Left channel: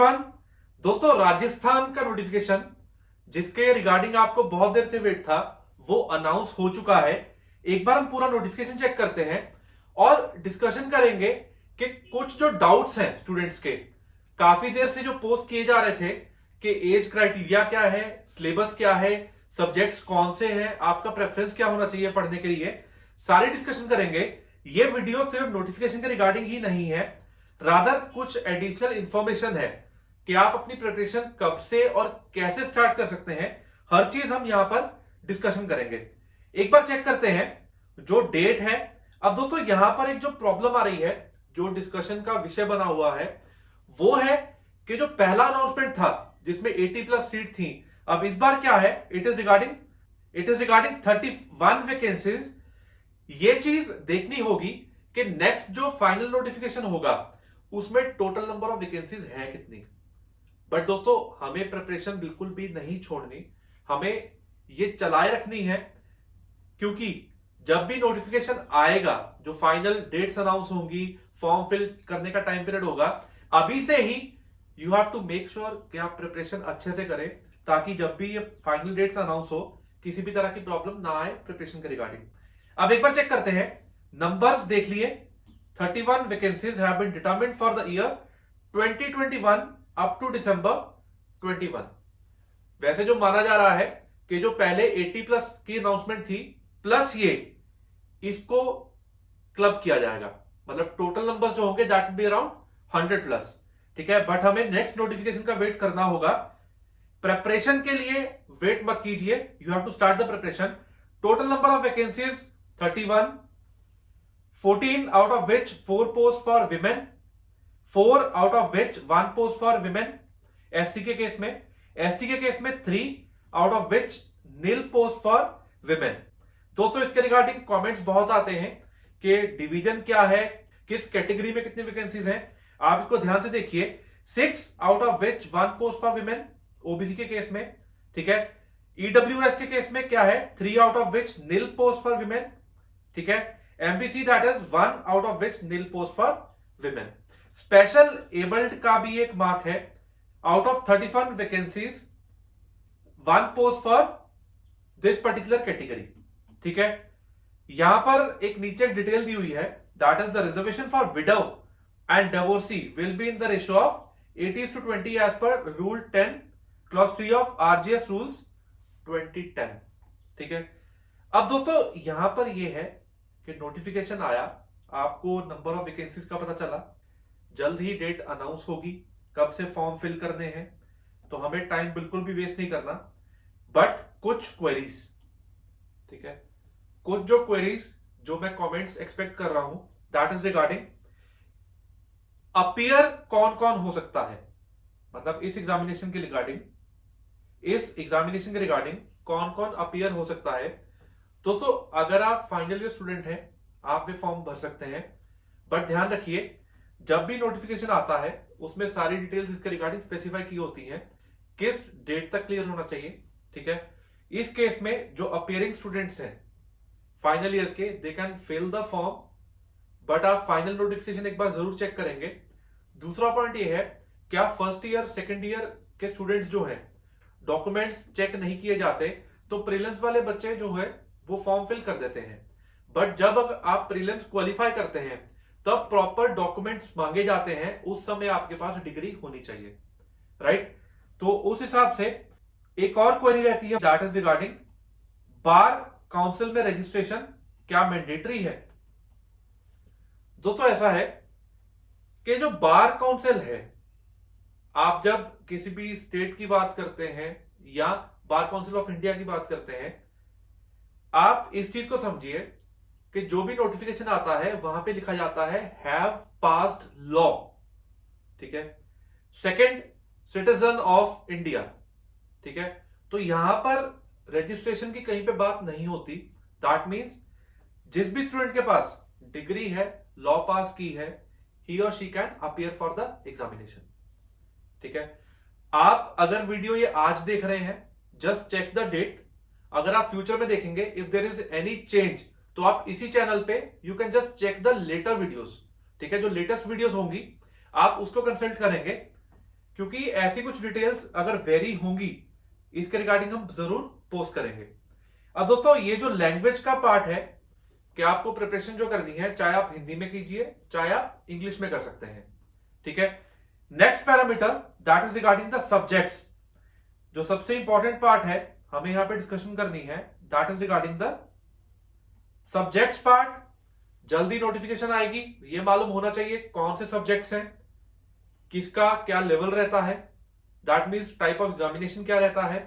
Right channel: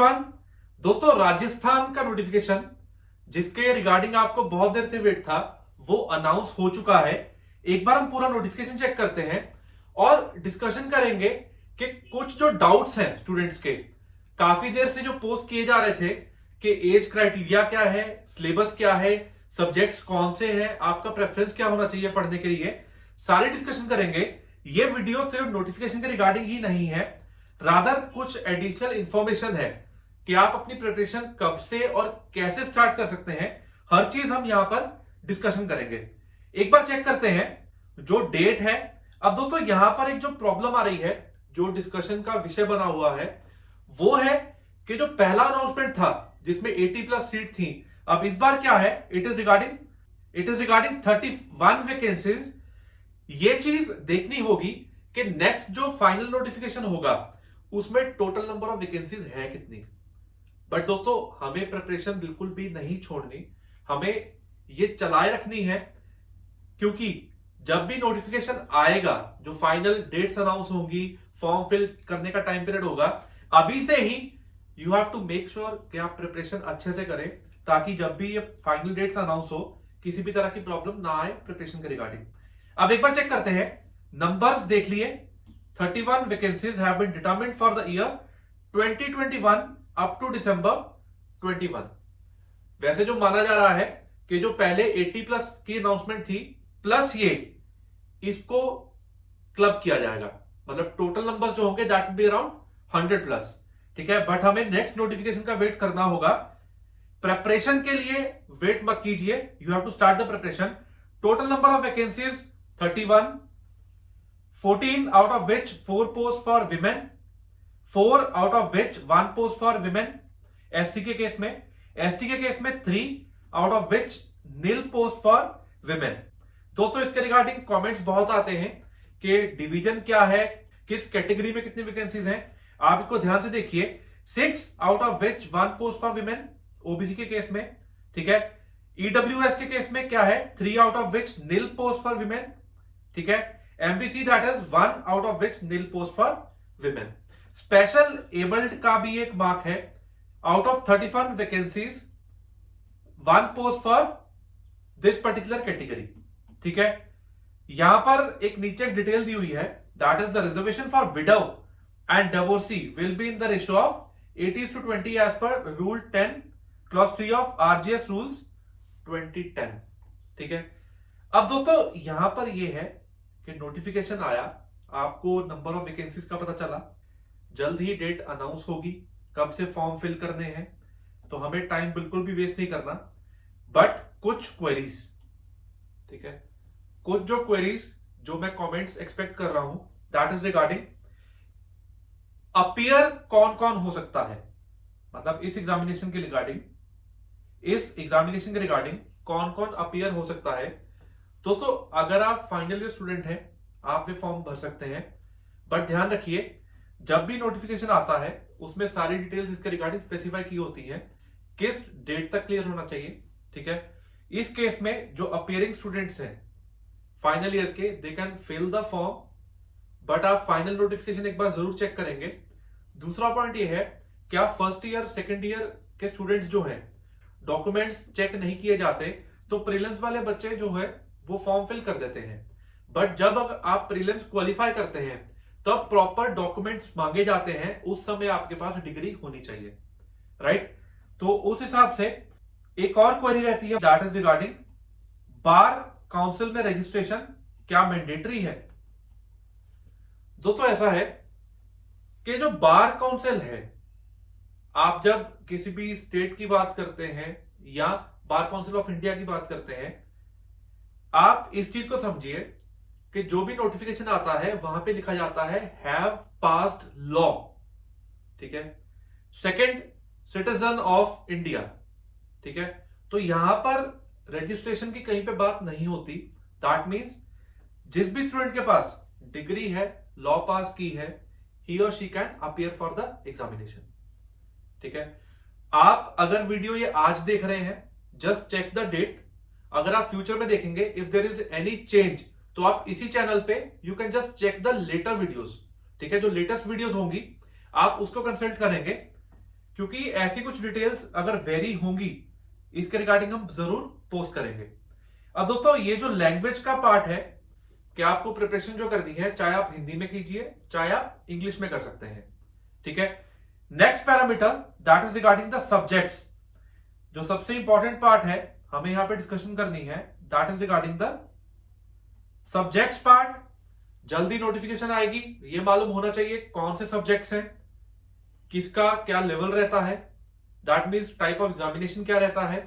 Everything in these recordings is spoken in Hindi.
एवरीवन। दोस्तों, राजस्थान का नोटिफिकेशन जिसके रिगार्डिंग आपको बहुत देर से वेट था वो अनाउंस हो चुका है। एक बार हम पूरा नोटिफिकेशन चेक करते हैं और डिस्कशन करेंगे कि कुछ जो डाउट्स हैं स्टूडेंट्स के, काफी देर से जो पोस्ट किए जा रहे थे कि एज क्राइटेरिया क्या है, सिलेबस क्या है, सब्जेक्ट्स कौन से हैं, आपका प्रेफरेंस क्या होना चाहिए पढ़ने के लिए, सारी डिस्कशन करेंगे। ये वीडियो सिर्फ नोटिफिकेशन के रिगार्डिंग ही नहीं है, रादर कुछ एडिशनल इंफॉर्मेशन है कि आप अपनी प्रिपरेशन कब से और कैसे स्टार्ट कर सकते हैं। हर चीज हम यहां पर डिस्कशन करेंगे। एक बार चेक करते हैं जो डेट है। अब दोस्तों, यहां पर एक जो प्रॉब्लम आ रही है, जो डिस्कशन का विषय बना हुआ है, वो है कि जो पहला अनाउंसमेंट था जिसमें 80+ सीट थी, अब इस बार क्या है, इट इज रिगार्डिंग 31 वैकेंसीज। ये चीज देखनी होगी कि नेक्स्ट जो फाइनल नोटिफिकेशन होगा उसमें टोटल नंबर ऑफ वैकेंसीज है कितनी। बट दोस्तों, हमें प्रिपरेशन बिल्कुल भी नहीं छोड़नी, हमें ये चलाए रखनी है, क्योंकि जब भी नोटिफिकेशन आएगा, जो फाइनल डेट्स अनाउंस होंगी, फॉर्म फिल करने का टाइम पीरियड होगा, अभी से ही you have to make sure कि आप प्रिपरेशन अच्छे से करें, ताकि जब भी ये फाइनल डेट्स अनाउंस हो किसी भी तरह की प्रॉब्लम ना आए प्रिपरेशन के रिगार्डिंग। अब एक बार चेक करते हैं, नंबर्स देख लिए। 31 vacancies have been determined for the year 2021 up to December 21। वैसे जो माना जा रहा है कि जो पहले 80+ की अनाउंसमेंट थी प्लस ये, इसको क्लब किया जाएगा, मतलब टोटल नंबर्स जो होंगे दैट विल बी अराउंड 100+। ठीक है, बट हमें नेक्स्ट नोटिफिकेशन का वेट करना होगा। प्रेपरेशन के लिए वेट मत कीजिए, you have to start the preparation. Total number of vacancies 31, 14 out of which 4 posts for women, 4 out of which 1 post for women। ST के केस में 3 out of which nil post for women। दोस्तों, इसके रिगार्डिंग कमेंट्स बहुत आते हैं कि डिवीजन क्या है, किस कैटेगरी में कितनी वैकेंसीज हैं। आप इसको ध्यान से देखिए, 6 out of which 1 post for women OBC के केस में। ठीक है, ईडब्ल्यूएस के केस में क्या है, 3 out of which nil post for women। ठीक है, MBC that is 1 out of which nil post for women। Special abled का भी एक मार्क है, out of 31 vacancies 1 post for this particular category. ठीक है, यहां पर एक नीचे डिटेल दी हुई है, that is the reservation for widow and divorcee will be in the ratio of 80:20 as per rule 10 clause 3 of RGS rules 2010। ठीक है, अब दोस्तों यहां पर यह है कि नोटिफिकेशन आया, आपको नंबर ऑफ वैकेंसीज का पता चला, जल्द ही डेट अनाउंस होगी, कब से फॉर्म फिल करने हैं, तो हमें टाइम बिल्कुल भी वेस्ट नहीं करना। बट कुछ क्वेरीज, ठीक है, कुछ जो क्वेरीज जो मैं कमेंट्स एक्सपेक्ट कर रहा हूं, दैट इज रिगार्डिंग अपीयर कौन कौन हो सकता है, मतलब इस एग्जामिनेशन के रिगार्डिंग कौन कौन अपीयर हो सकता है। दोस्तों, अगर आप फाइनल ईयर स्टूडेंट हैं, आप भी फॉर्म भर सकते हैं, बट ध्यान रखिए जब भी नोटिफिकेशन आता है उसमें सारी डिटेल्स इसके रिगार्डिंग स्पेसिफाई की होती हैं, किस डेट तक क्लियर होना चाहिए। ठीक है, इस केस में जो अपीयरिंग स्टूडेंट्स हैं फाइनल ईयर के, they can fill the form, but आप फाइनल नोटिफिकेशन एक बार जरूर चेक करेंगे। दूसरा पॉइंट ये है कि आप फर्स्ट ईयर सेकेंड ईयर के स्टूडेंट्स जो हैं, डॉक्यूमेंट्स चेक नहीं किए जाते, तो प्रीलिम्स वाले बच्चे जो है वो फॉर्म फिल कर देते हैं, बट जब आप प्रीलिम्स क्वालिफाई करते हैं तब प्रॉपर डॉक्यूमेंट्स मांगे जाते हैं, उस समय आपके पास डिग्री होनी चाहिए, राइट। तो उस हिसाब से एक और क्वेरी रहती है, that is regarding bar council में रजिस्ट्रेशन क्या मैंडेटरी है। दोस्तों, ऐसा है कि जो बार काउंसिल है, आप जब किसी भी स्टेट की बात करते हैं या बार काउंसिल ऑफ इंडिया की बात करते हैं, आप इस चीज को समझिए कि जो भी नोटिफिकेशन आता है वहां पे लिखा जाता है हैव पास्ड लॉ। ठीक है, सेकंड सिटीजन ऑफ इंडिया। ठीक है, तो यहां पर रजिस्ट्रेशन की कहीं पे बात नहीं होती। दैट मींस जिस भी स्टूडेंट के पास डिग्री है, लॉ पास की है, ही और she can appear for the examination. ठीक है, आप अगर वीडियो ये आज देख रहे हैं, जस्ट चेक द डेट। अगर आप फ्यूचर में देखेंगे, if there is any change, तो आप इसी चैनल पे you can just check the later videos. ठीक है, जो लेटेस्ट वीडियोस होंगी आप उसको कंसल्ट करेंगे, क्योंकि ऐसी कुछ डिटेल्स अगर वेरी होंगी इसके रिगार्डिंग हम जरूर पोस्ट करेंगे। अब दोस्तों ये जो लैंग्वेज का पार्ट है कि आपको प्रिपरेशन जो करनी है, चाहे आप हिंदी में कीजिए चाहे आप इंग्लिश में कर सकते हैं, ठीक है। Next parameter that is regarding the subjects. जो सबसे इंपॉर्टेंट पार्ट है हमें यहां पे डिस्कशन करनी है, that is regarding the subjects part. जल्दी नोटिफिकेशन आएगी, ये मालूम होना चाहिए कौन से सब्जेक्ट्स हैं, किसका क्या लेवल रहता है, that means type of examination क्या रहता है।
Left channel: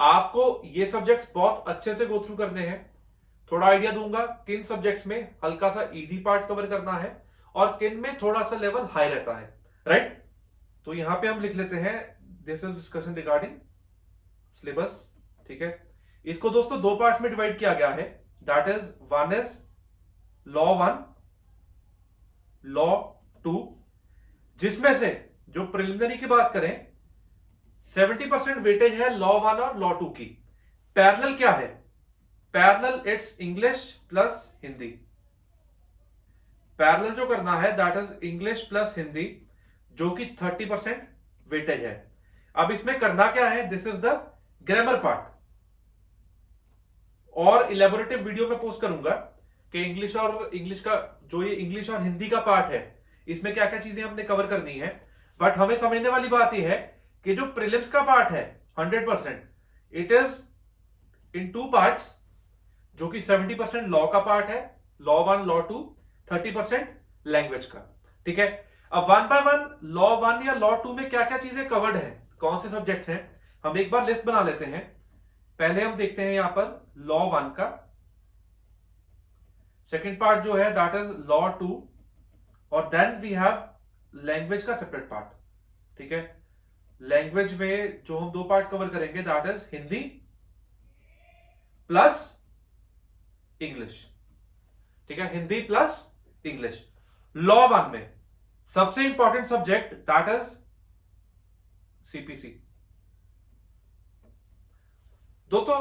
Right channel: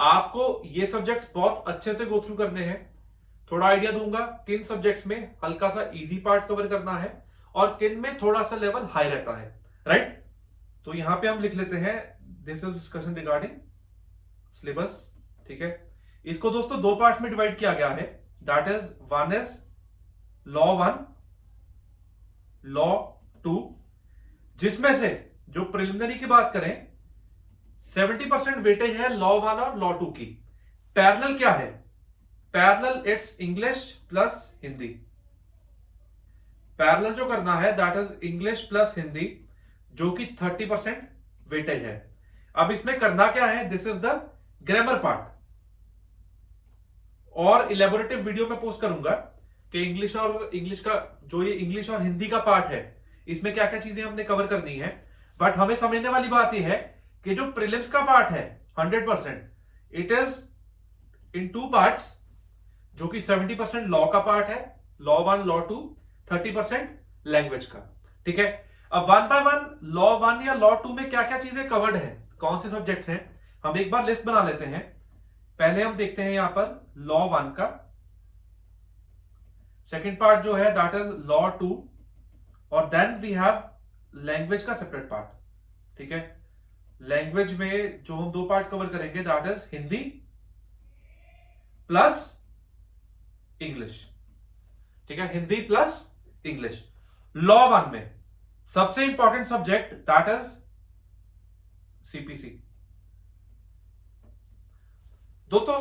आपको ये सब्जेक्ट्स बहुत अच्छे से गो थ्रू करने हैं। थोड़ा आइडिया दूंगा किन सब्जेक्ट्स में हल्का सा इजी पार्ट कवर करना है और किन में थोड़ा सा लेवल हाई रहता है, राइट। तो यहां पे हम लिख लेते हैं this is discussion regarding syllabus, ठीक है। इसको दोस्तों दो पार्ट में डिवाइड किया गया है, that is one is law 1, law 2, जिसमें से जो प्रिलिमिनरी की बात करें 70% वेटेज है लॉ 1 और लॉ 2 की। पैरेलल क्या है? Parallel it's English plus Hindi. Parallel जो करना है that is English plus Hindi, जो कि 30% वेटेज है। अब इसमें करना क्या है, this is the grammar part. और इलेबोरेटिव वीडियो में पोस्ट करूंगा कि इंग्लिश का जो ये इंग्लिश और हिंदी का पार्ट है इसमें क्या क्या चीजें हमने कवर करनी है। बट हमें समझने वाली बात यह है कि जो प्रीलिम्स का पार्ट है 100% इट इज इन 2 पार्ट्स, जो कि 70% लॉ का पार्ट है, लॉ 1 लॉ 2, 30% लैंग्वेज का, ठीक है। अब 1 बाय 1 लॉ 1 या लॉ 2 में क्या क्या चीजें कवर्ड है, कौन से सब्जेक्ट्स हैं, हम एक बार लिस्ट बना लेते हैं। पहले हम देखते हैं यहां पर लॉ 1 का। सेकेंड पार्ट जो है दैट इज लॉ 2, और देन वी हैव लैंग्वेज का सेपरेट पार्ट, ठीक है। लैंग्वेज में जो हम 2 पार्ट कवर करेंगे that is Hindi plus English, ठीक है, हिंदी प्लस इंग्लिश। लॉ 1 में सबसे important subject that is CPC. दोस्तों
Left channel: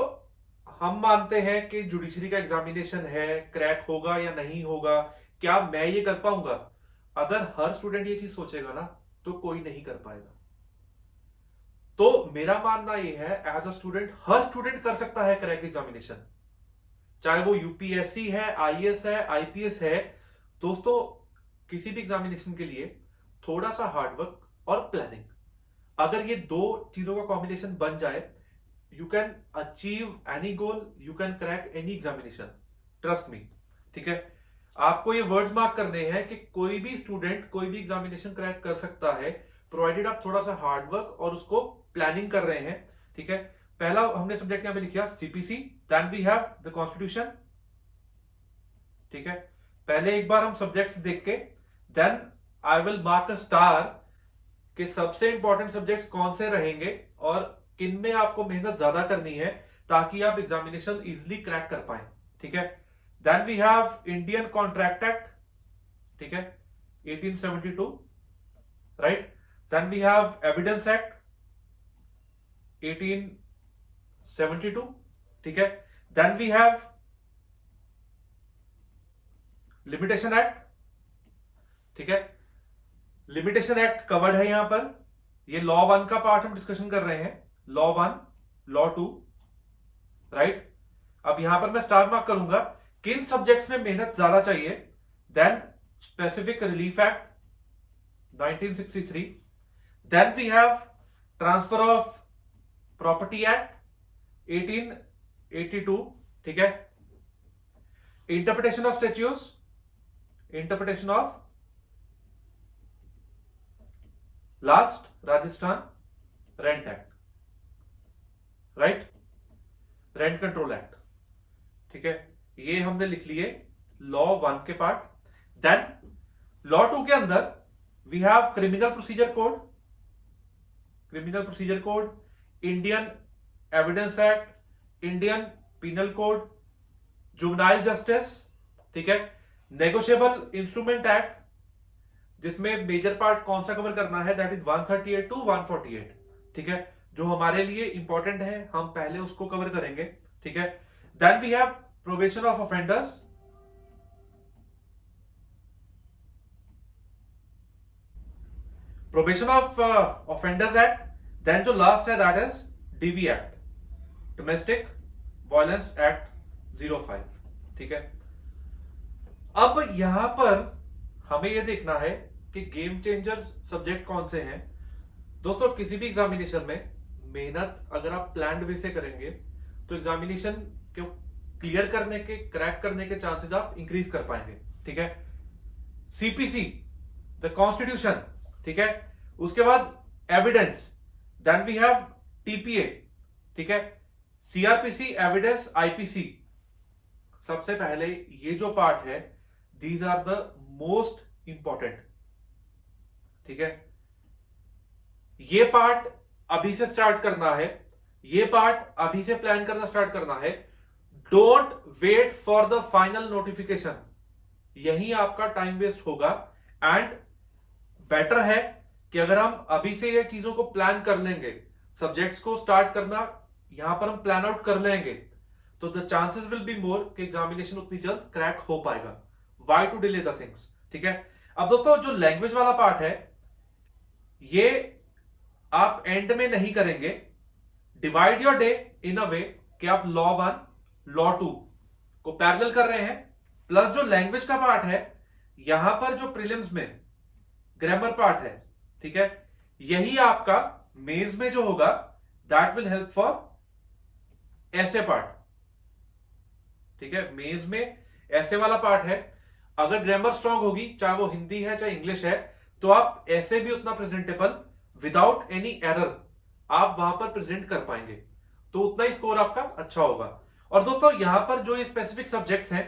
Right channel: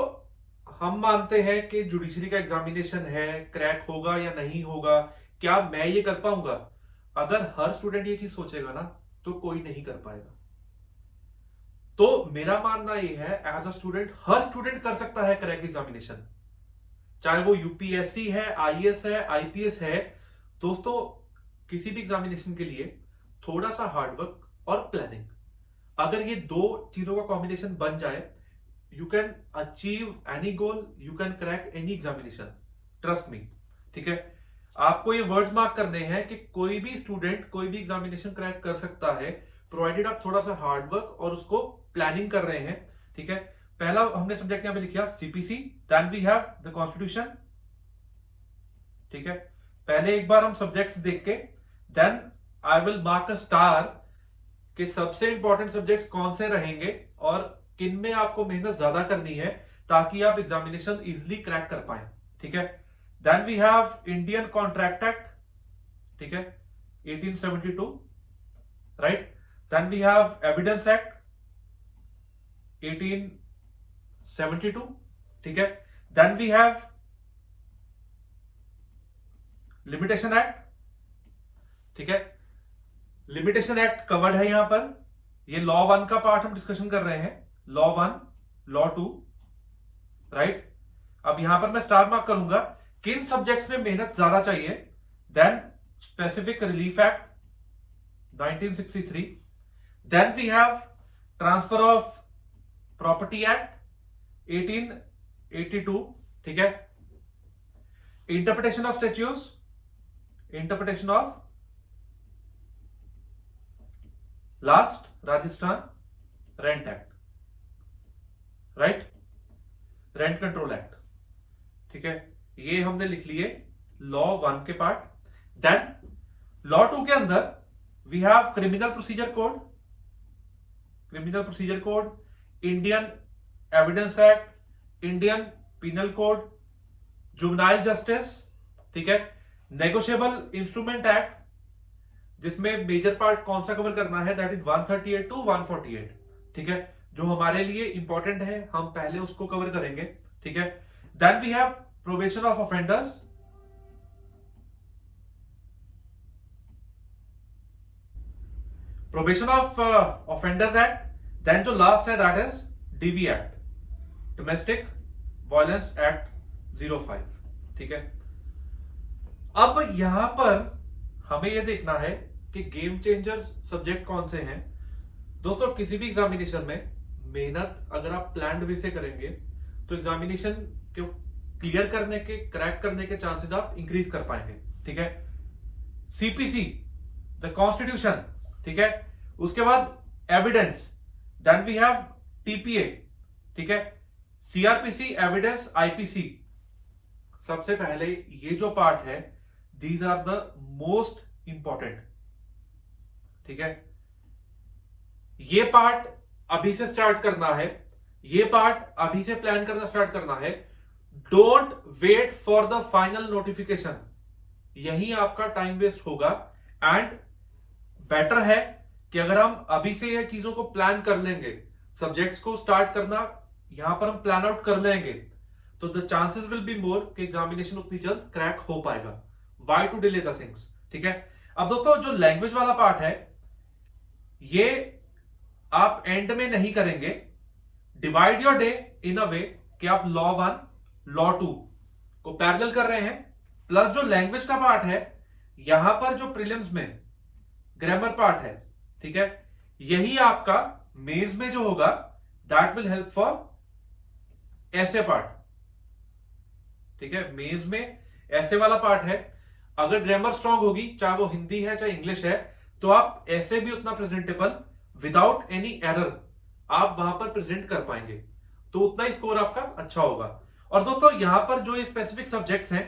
हम मानते हैं कि जुडिशरी का एग्जामिनेशन है, क्रैक होगा या नहीं होगा, क्या मैं ये कर पाऊंगा? अगर हर स्टूडेंट ये चीज सोचेगा ना तो कोई नहीं कर पाएगा। तो मेरा मानना ये है एज अ स्टूडेंट हर स्टूडेंट कर सकता है क्रैक एग्जामिनेशन, चाहे वो यूपीएससी है, आईएएस है, आईपीएस है। दोस्तों किसी भी एग्जामिनेशन के लिए थोड़ा सा हार्डवर्क और प्लानिंग, अगर ये 2 चीजों का कॉम्बिनेशन बन जाए, you can achieve any goal, you can crack any examination, trust me, ठीक है। आपको ये वर्ड्स मार्क करने हैं कि कोई भी स्टूडेंट कोई भी एग्जामिनेशन क्रैक कर सकता है, प्रोवाइडेड आप थोड़ा सा हार्डवर्क और उसको प्लानिंग कर रहे हैं, ठीक है। पहला हमने सब्जेक्ट यहां पे लिखा CPC, then we have the constitution, ठीक है। पहले एक बार हम सब्जेक्ट्स देख के then I will mark a star कि सबसे इंपॉर्टेंट सब्जेक्ट्स कौन से रहेंगे और किन में आपको मेहनत ज्यादा करनी है ताकि आप एग्जामिनेशन इजिली क्रैक कर पाए, ठीक है। Then we have Indian contract act, ठीक है, 1872, right. Then we have evidence act 1872, ठीक है। Then we have limitation act, ठीक है। लिमिटेशन एक्ट कवर्ड है यहां पर। ये लॉ 1 का पार्ट हम डिस्कशन कर रहे हैं, लॉ 1 लॉ 2, राइट। अब यहां पर मैं स्टार मार्क करूंगा किन सब्जेक्ट्स में मेहनत ज्यादा चाहिए। Then specific relief act 1963, then we have transfer of property act 1882, ठीक है। Interpretation of statutes, interpretation of last Rajasthan rent act, right, rent control act, ठीक है। ये हमने लिख लिए लॉ 1 के पार्ट। देन लॉ 2 के अंदर we have criminal procedure code, criminal procedure code, Indian evidence act, Indian penal code, juvenile justice, ठीक है। नेगोशिएबल इंस्ट्रूमेंट एक्ट, जिसमें मेजर पार्ट कौन सा कवर करना है दैट इज 138 टू 148, ठीक है। जो हमारे लिए इंपॉर्टेंट है हम पहले उसको कवर करेंगे, ठीक है। Then we have probation of offenders, probation of offenders act, then जो लास्ट है that is DV act, domestic violence act 05। ठीक है, अब यहां पर हमें यह देखना है कि गेम चेंजर्स सब्जेक्ट कौन से हैं। दोस्तों किसी भी एग्जामिनेशन में मेहनत अगर आप प्लान्ड वे से करेंगे तो एग्जामिनेशन को क्लियर करने के, क्रैक करने के चांसेस आप इंक्रीज कर पाएंगे। ठीक है, सीपीसी द कॉन्स्टिट्यूशन, ठीक है, उसके बाद evidence, then we have TPA, ठीक है, सीआरपीसी, एविडेंस, आईपीसी। सबसे पहले ये जो पार्ट है, these are the most important. ठीक है, ये पार्ट अभी से स्टार्ट करना है, ये पार्ट अभी से प्लान करना स्टार्ट करना है। Don't wait for the final notification, यही आपका टाइम वेस्ट होगा। एंड बेटर है कि अगर हम अभी से ये चीजों को प्लान कर लेंगे, सब्जेक्ट्स को स्टार्ट करना यहां पर हम प्लान आउट कर लेंगे, तो the chances will be more कि एग्जामिनेशन उतनी जल्द क्रैक हो पाएगा। Why to delay the things. ठीक है, अब दोस्तों जो लैंग्वेज वाला पार्ट है, ये आप एंड में नहीं करेंगे। डिवाइड योर डे इन अ वे कि आप लॉ 1 लॉ 2 को पैरेलल कर रहे हैं, प्लस जो लैंग्वेज का पार्ट है, यहां पर जो प्रीलिम्स में ग्रामर पार्ट है, ठीक है, यही आपका मेंस में जो होगा दैट विल हेल्प फॉर ऐसे पार्ट। ठीक है, मेंस में ऐसे वाला पार्ट है, अगर ग्रामर स्ट्रांग होगी, चाहे वो हिंदी है चाहे इंग्लिश है, तो आप ऐसे भी उतना प्रेजेंटेबल विदाउट एनी एरर आप वहां पर प्रेजेंट कर पाएंगे, तो उतना ही स्कोर आपका अच्छा होगा। और दोस्तों यहां पर जो ये स्पेसिफिक सब्जेक्ट्स हैं,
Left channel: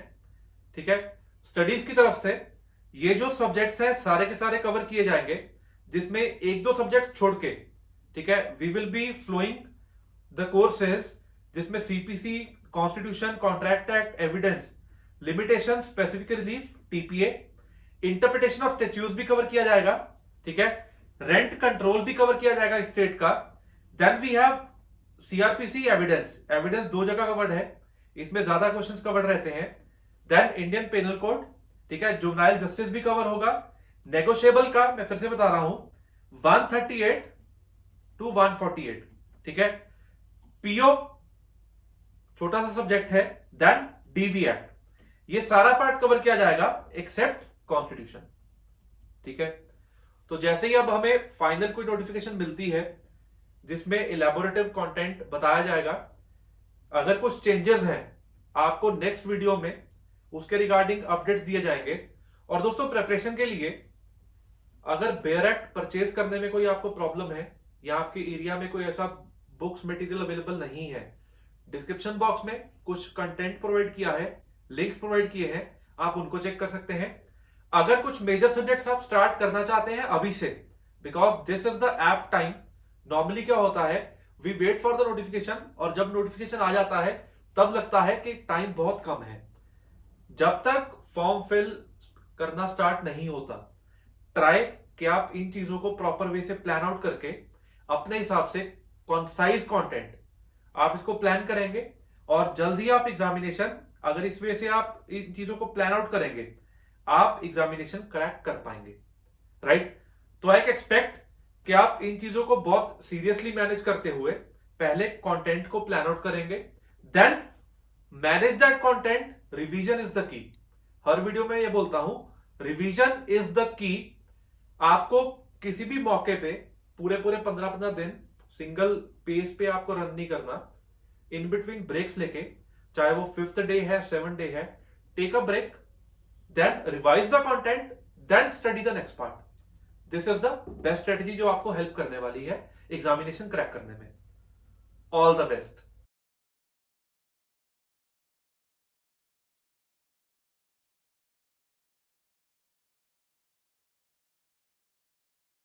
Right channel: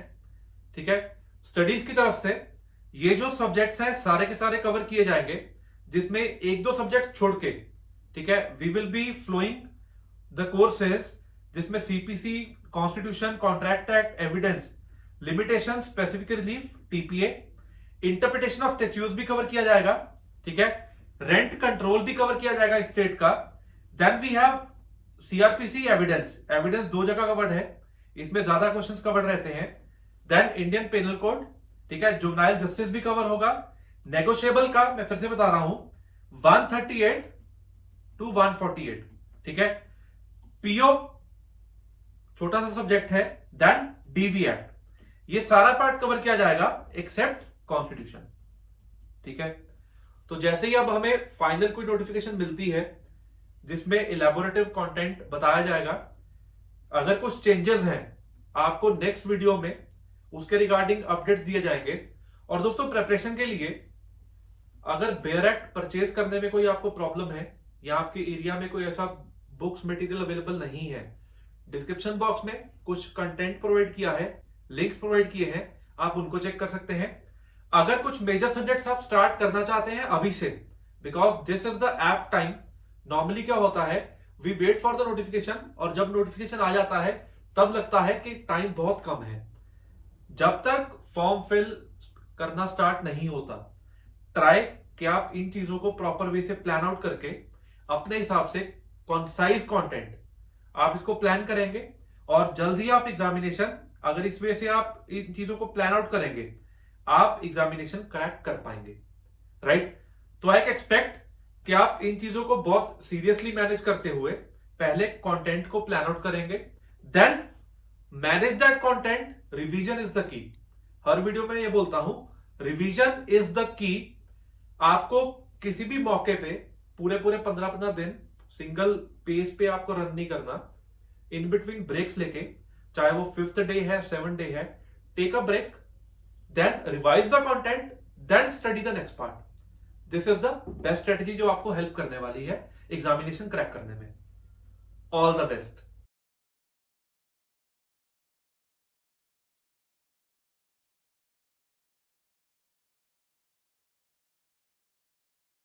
ठीक है, स्टडीज की तरफ से ये जो सब्जेक्ट्स हैं सारे के सारे कवर किए जाएंगे, जिसमें एक दो सब्जेक्ट छोड़ के, ठीक है, we will be following the courses जिसमें CPC, constitution, contract act, evidence, limitation, specific relief, TPA, interpretation of statutes भी कवर किया जाएगा। ठीक है, रेंट कंट्रोल भी कवर किया जाएगा स्टेट का। Then we have CrPC, evidence. Evidence दो जगह कवर्ड है, इसमें ज्यादा क्वेश्चंस कवर्ड रहते हैं। देन इंडियन पेनल कोड, ठीक है, जुवेनाइल जस्टिस भी कवर होगा। नेगोशिएबल का मैं फिर से बता रहा हूं 138 to 148। ठीक है, पीओ छोटा सा सब्जेक्ट है, देन डीवी एक्ट, ये सारा पार्ट कवर किया जाएगा एक्सेप्ट कॉन्स्टिट्यूशन। ठीक है, तो जैसे ही अब हमें फाइनल कोई नोटिफिकेशन मिलती है जिसमें इलेबोरेटिव कंटेंट बताया जाएगा, अगर कुछ चेंजेस हैं आपको नेक्स्ट वीडियो में उसके रिगार्डिंग अपडेट्स दिए जाएंगे। और दोस्तों प्रिपरेशन के लिए अगर बेयर एक्ट परचेज करने में कोई आपको प्रॉब्लम है या आपके एरिया में कोई ऐसा बुक्स मटेरियल अवेलेबल नहीं है, डिस्क्रिप्शन बॉक्स में कुछ कंटेंट प्रोवाइड किया है, लिंक्स प्रोवाइड किए हैं, आप उनको चेक कर सकते हैं। अगर कुछ मेजर सब्जेक्ट्स आप स्टार्ट करना चाहते हैं अभी से, because this is the app time. Normally क्या होता है, we wait for the notification, और जब नोटिफिकेशन आ जाता है तब लगता है कि टाइम बहुत कम है। जब तक फॉर्म फिल करना स्टार्ट नहीं होता, ट्राई कि आप इन चीजों को प्रॉपर वे से प्लान आउट करके अपने हिसाब से कॉन्साइज कंटेंट आप इसको प्लान करेंगे, और जल्दी आप एग्जामिनेशन, अगर इस वे से आप इन चीजों को प्लान आउट करेंगे, आप एग्जामिनेशन क्रैक कर पाएंगे। राइट, तो आई एक्सपेक्ट कि आप इन चीजों को बहुत सीरियसली मैनेज करते हुए पहले कंटेंट को प्लान आउट करेंगे, then manage that content. Revision is the key. हर वीडियो में ये बोलता हूं, रिवीजन इज द की। आपको किसी भी मौके पे पूरे 15-15 दिन सिंगल पेस पे आपको रन नहीं करना, इन बिटवीन ब्रेक्स लेके, चाहे वो 5th डे है, 7th डे है, take a break, then revise the content, then study the next part. This is the best strategy जो आपको हेल्प करने वाली है एग्जामिनेशन क्रैक करने में। All the best.